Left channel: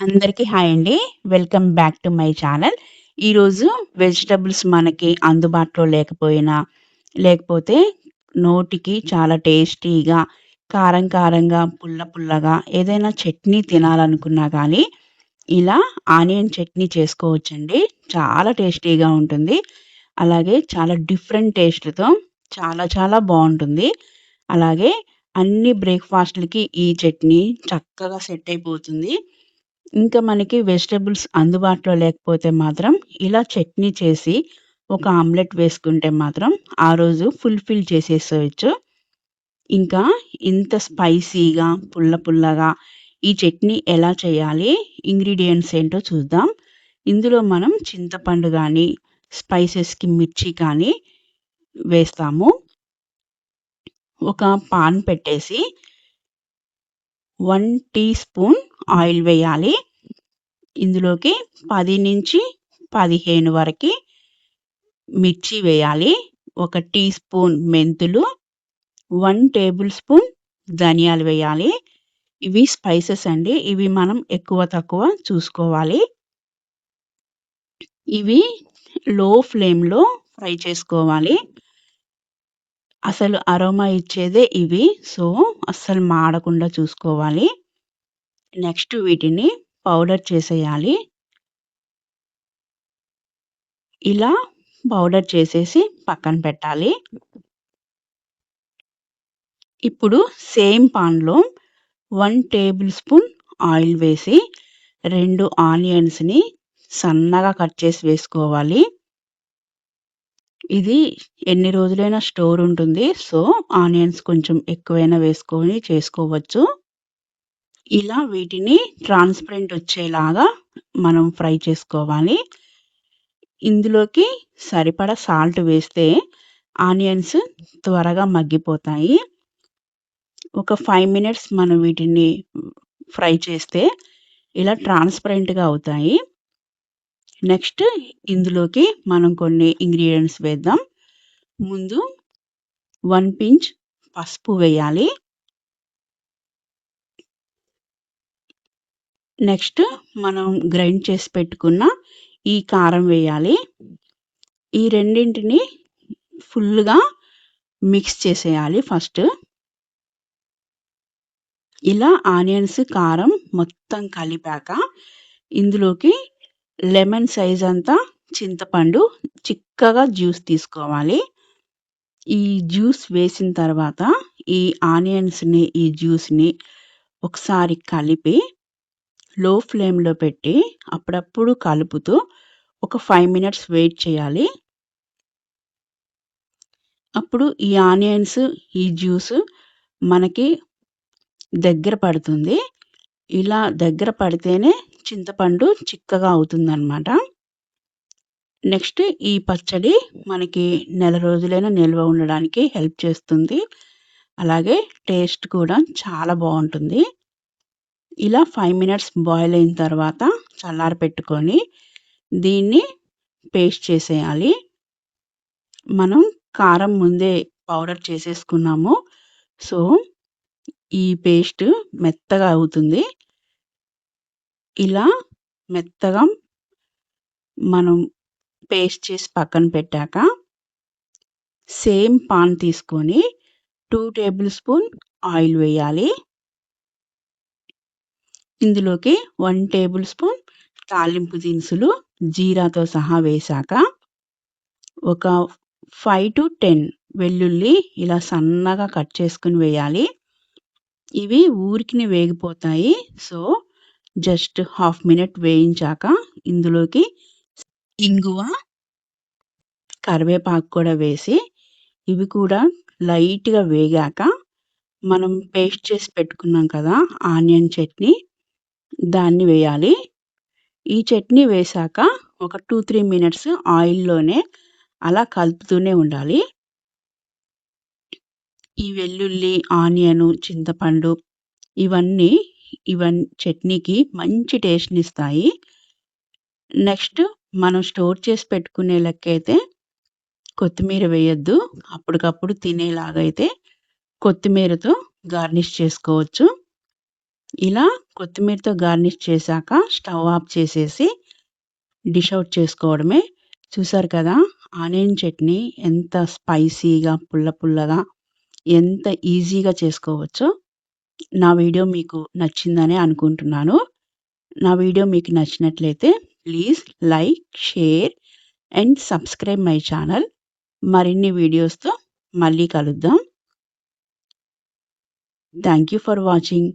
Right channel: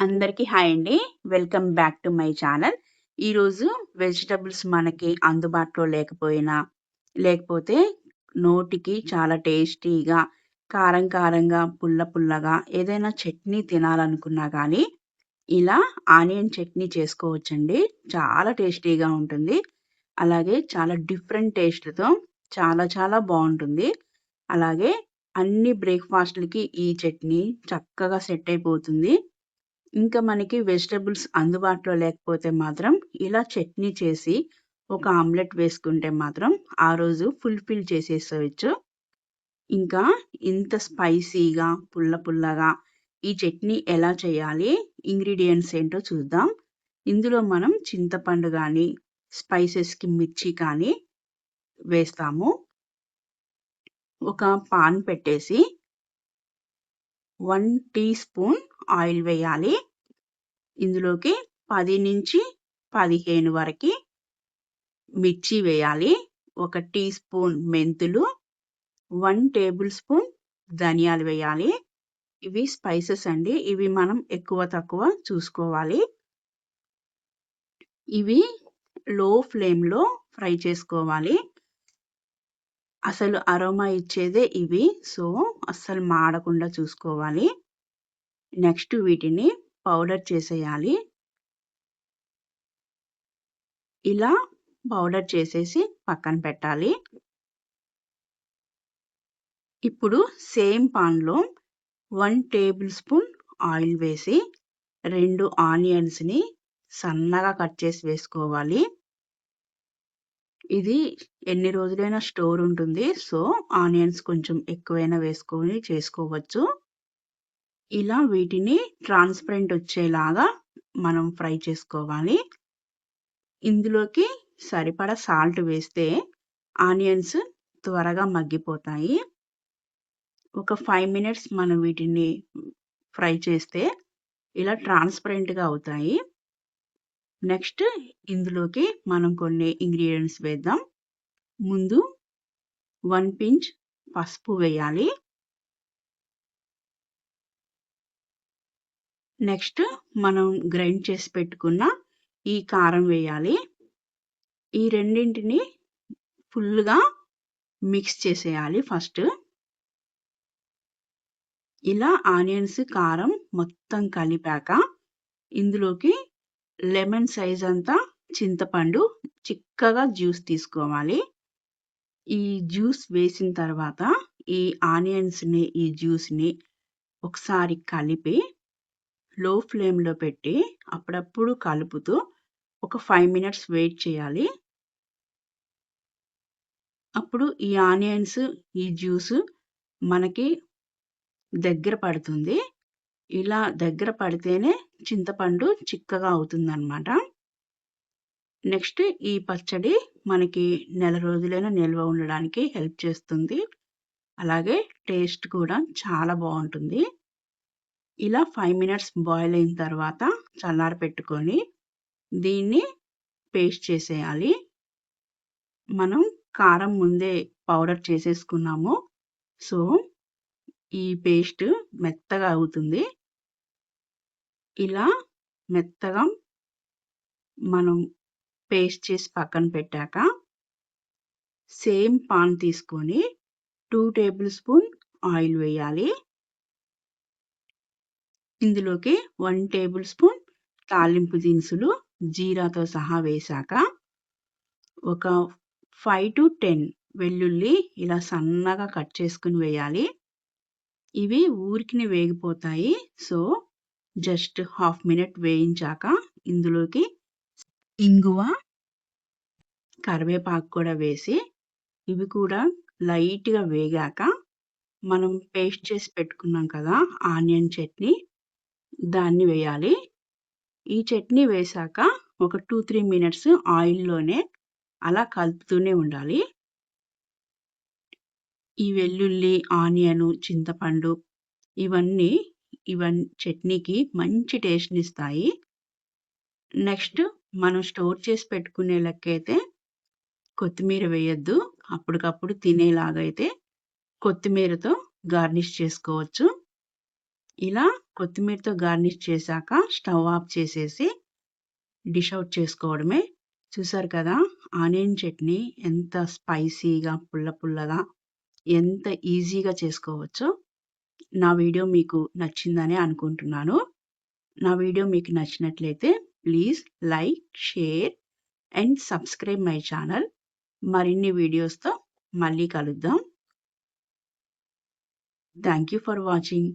అందరికీ హాయ్ అండి. Welcome back to my channel. ఈరోజు వెజిటబుల్స్ మనకి అందుబాటులో లేకపోయినా, లేకపోతే నోటికి చాలా టేస్టీగా, కారం కారంగా, పుల్ల పుల్లగా ఏదైనా చట్నీ తినాలనుకున్నా కానీ, ఇలా ఆనియన్ చట్నీ చేసుకోవచ్చండి. చాలా టేస్టీగా ఉంటుంది. అలాగే చాలా డిఫరెంట్ టేస్ట్‌తో చాలా చాలా బావుంటుంది. అలాగే అన్ని బ్రేక్‌ఫాస్ట్‌లకి ఈ చట్నీ చక్కగా సెట్ అయిపోతుంది. ఇంకా మనకి వెజిటబుల్స్ అందుబాటులో లేకపోతే మాత్రం ఇలా చట్నీ చేసి ఒక ఆమ్లెట్ వేసుకుంటే మాత్రం ఆ రోజు ఫుల్‌ఫిల్ చేసేసేయొచ్చు. ఇంకా ఇంత స్పైసీగా, పుల్ల పుల్లగా ఈ చట్నీ ఎలా చేయాలి? ఇంగ్రీడియెంట్స్ ఏంటో చూద్దాం. ఇందులో మనం చింతపండు గానీ, స్పైసెస్‌కి మిర్చి కానీ వేస్తాము. ఒక పాన్ పెట్టేసి 1 టీ స్పూన్ ఆయిల్ వేయాలి. ఇందులోకి 10-15 వరకి మిర్చి వేయాలి. ఒక టీ స్పూన్ మెంతులు, 1 టేబుల్ స్పూన్ ధనియాలు వేయాలి. ఇవి స్పైసెస్ అండి. ఇవి మనం ఎక్కువ తక్కువ చూసుకోవాలి. ఇవి లో ఫ్లేమ్‌లో ఫ్రై చేసుకోవాలి. అసలు అరోమా ఇచ్చేదే ఇవి. సో, అస్సలు మాడకుండా చూసుకోవాలి. నెక్స్ట్ వీటిని పౌడర్ చేసేయాలి. ఇలా పౌడర్ చేసేసి పక్కన పెట్టాలి. ఇప్పుడు సేమ్ పాన్‌లో 1 టేబుల్ స్పూన్ ఆయిల్ వేసి 2 ఆనియన్స్‌ని సన్నగా కట్ చేసి వేసుకోవాలి. ఇది ఎన్ని రోజులైనా స్టోర్ ఉంటుంది. సో, ఆనియన్స్ కొంచెం ఎక్కువైనా వేసుకొని చేసుకోవచ్చు. ఇలా వీటిని ట్రాన్స్‌పరెంట్ వచ్చేలాగా మనం ఫ్రై చేసుకోవాలి. ఇందులోకి సరిపడా సాల్ట్ వేస్తే ఆనియన్స్ త్వరగా మగ్గిపోతాయి. ఒక 5 మినిట్స్ మనం వీటిని ఫ్రై చేస్తే ఇలా ట్రాన్స్‌పరెంట్‌గా అవుతాయి. నెక్స్ట్ ఇందులోకి మనం కొన్ని ఇంగ్రీడియెంట్స్ వేద్దాం. ముందు 1 పించ్ పసుపు వేయాలి. నెక్స్ట్ మనం గ్రైండ్ చేసి పెట్టుకున్న ఈ కారం వేయాలి. ఈ రెండింటిని ఫుల్‌గా మిక్స్ చేసేయాలి ఫస్ట్. ఇలా ఆనియన్స్, కారం మొత్తం కలిపాక ఇందులోకి లెమన్ సైజ్ అంతా చింతపండు చిక్కగా జ్యూస్ తీసుకోవాలి. ఈ జ్యూస్ వేసిన తర్వాత ఈ ఆనియన్స్‌ని, ఈ జ్యూస్‌ని ఒకసారి కలిపి లో ఫ్లేమ్‌లో పెట్టి అప్పుడప్పుడు కలుపుతూ ఒక 5 మినిట్స్ వెయిట్ చేయాలి. అప్పుడు ఈ ఆనియన్స్, ఈ జ్యూస్ మనకి దగ్గర పడుతుంది. ఇలా దగ్గర పడితేనే చింతపండు చిక్కగా అవుతుందనమాట. నెక్స్ట్ ఈ పచ్చడి మనకి నెల రోజులైనా నిల్వ ఉండడానికి హెల్ప్ చేస్తుంది. అలాగే టేస్ట్ కూడా చాలా బావుంటుంది. ఇలా 5 మినిట్స్ బాయిల్ అయిన తర్వాత చల్లారపెట్టుకొని దీన్ని పేస్ట్ చేసేయాలి. మనం కారం ముందే పౌడర్ చేసేసుకున్నాము. సో, ఈ పేస్ట్ మెత్తగా అవుతుంది. ఇలా మెత్తగా మనం పేస్ట్ చేసి పక్కన పెట్టాక సేమ్ పాన్ తీసుకొని 2 టేబుల్ స్పూన్ ఆయిల్ వేయాలి. ఇందులోకి 1 టేబుల్ స్పూన్ తాలింపు దినుసులు జీరాతో సహా వేశాక ఒక 5-10 వెల్లుల్లి ఇలా సన్నగా కట్ చేసుకొని వేయాలి. ఇవి ఊరికినే వేగిపోతాయి. సో, జస్ట్ హాఫ్ మినిట్ వేయించాక ఇందులోకి ఇంగువ, కరివేపాకు కూడా వేసి ఇవి కూడా లైట్‌గా వేగాక మనం పేస్ట్ చేసి పెట్టుకున్నాం కదా! ఆనియన్ చట్నీ దాన్ని వేయాలి. ఈ చట్నీ వేశాక ఒక 2-3 మినిట్స్ ఆయిల్‌లోనే అలా కలుపుతూనే ఉండాలి. ఈ వెల్లుల్లి, ఆనియను, చింతపండు ఇవన్నీ చట్నీకి మంచి టేస్ట్‌నిస్తాయి. నెక్స్ట్ మనం స్టోర్ చేసి పెట్టుకునే లెక్కైతే కొత్తిమీర వేయొద్దు. అప్పటికప్పుడు తినేలాగైతే కొత్తిమీరతో గార్నిష్ చేసుకోవచ్చు. ఇలా కొత్తిమీరతో గార్నిష్ చేశాక స్టవ్ ఆఫ్ చేసేసి డిష్ ఔట్ చేసుకోవడమే. చూసారు కదా! ఆనియన్ చట్నీ ఎంత స్పైసీగా, పుల్ల పుల్లగా ఎంత ఈజీగా చేసుకోవచ్చో. నా వీడియో మీకు నచ్చిందనే అనుకుంటున్నాను. నా వీడియో మీకు నచ్చినట్లయితే please like, share and subscribe my channel. మరిన్ని వీడియోస్‌తో మళ్ళీ కలుద్దాం. Thank you for watching.